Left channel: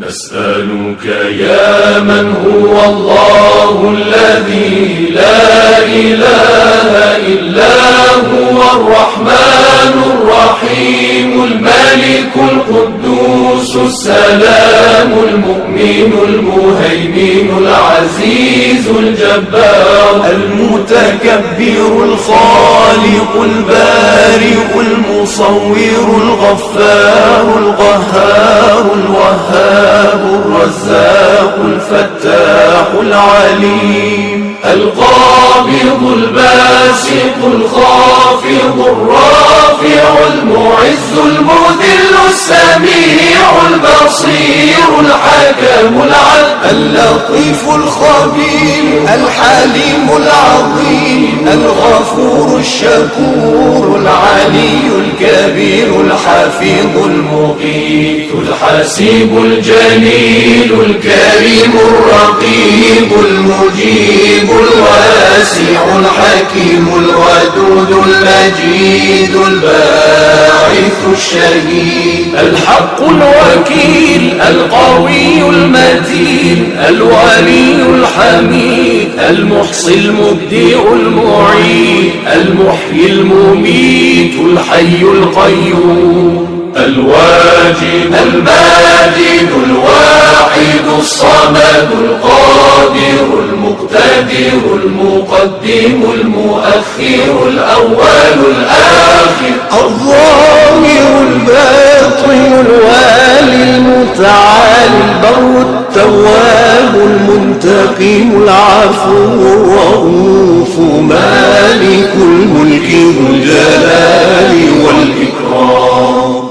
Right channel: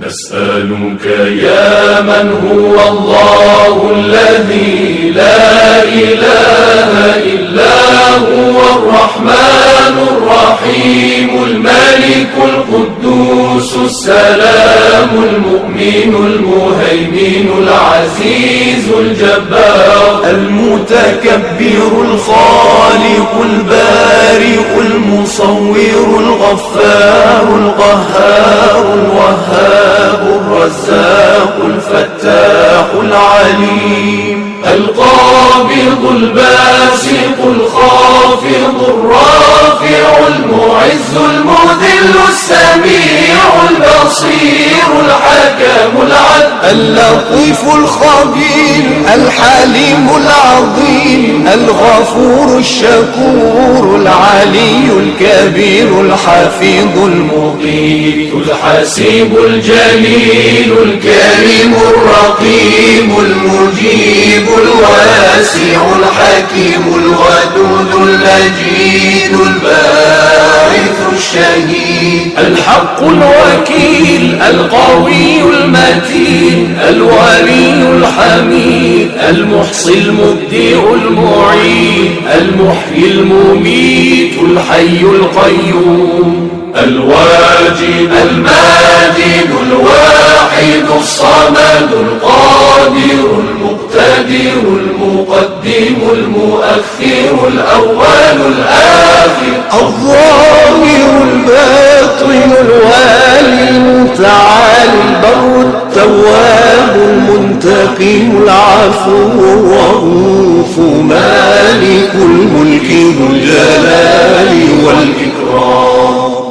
نسألك يا من هو الله الذي لا إله إلا هو الرحمن الرحيم الملك القدوس السلام المؤمن المهيمن العزيز الجبار المتكبر الخالق البارئ المصور الغفار القهار الوهاب الرزاق الفتاح العليم القابض الباسط الخافض الرافع المعز المذل السميع البصير الحكم العدل اللطيف الخبير الحليم العظيم الغفور الشكور العلي الكبير الحفيظ المقيت الحسيب الجليل الكريم الرقيب المجيب الواسع الحكيم الودود المجيد الباعث الشهيد الحق الوكيل القوي المتين الولي الحميد المحصي المبدئ المعيد المحيي المميت الحي القيوم الواجد الماجد الواحد الصمد القادر المقتدر المقدم المؤخر الأول الآخر الظاهر الباطن الوالي المتعالي البر التواب المنتقم العفو الرؤوف مالك الملك ذو الجلال والإكرام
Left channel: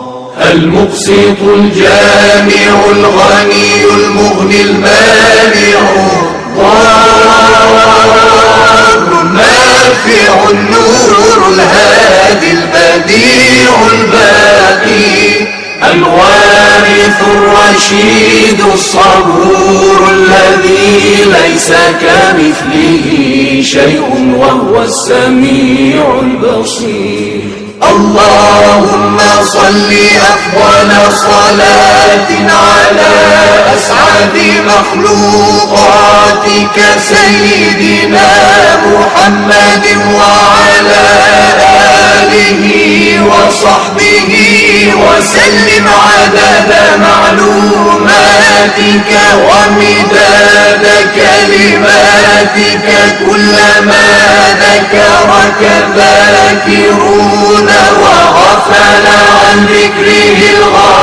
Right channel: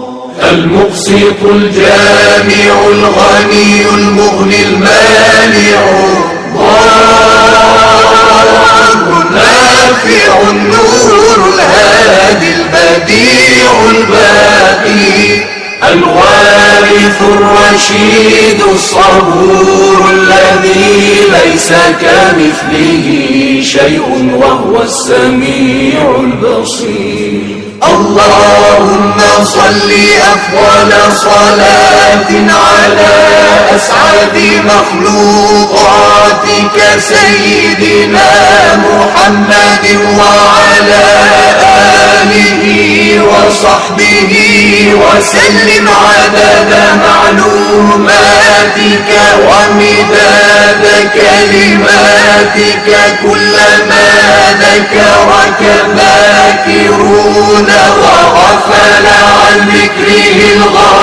المقسط الجامع الغني المغني المانع الضار النافع النور الهادي البديع الباقي الوارث الرشيد الصبور الذي ليس كمثله شيء وهو السميع البصير اللهم صل أفضل صلاة على أسعد مخلوقاتك سيدنا محمد وعلى آله وصحبه وسلم عدد معلوماتك ومداد كلماتك كلما ذكرك الذاكرون وغفل عن ذكره الغافلون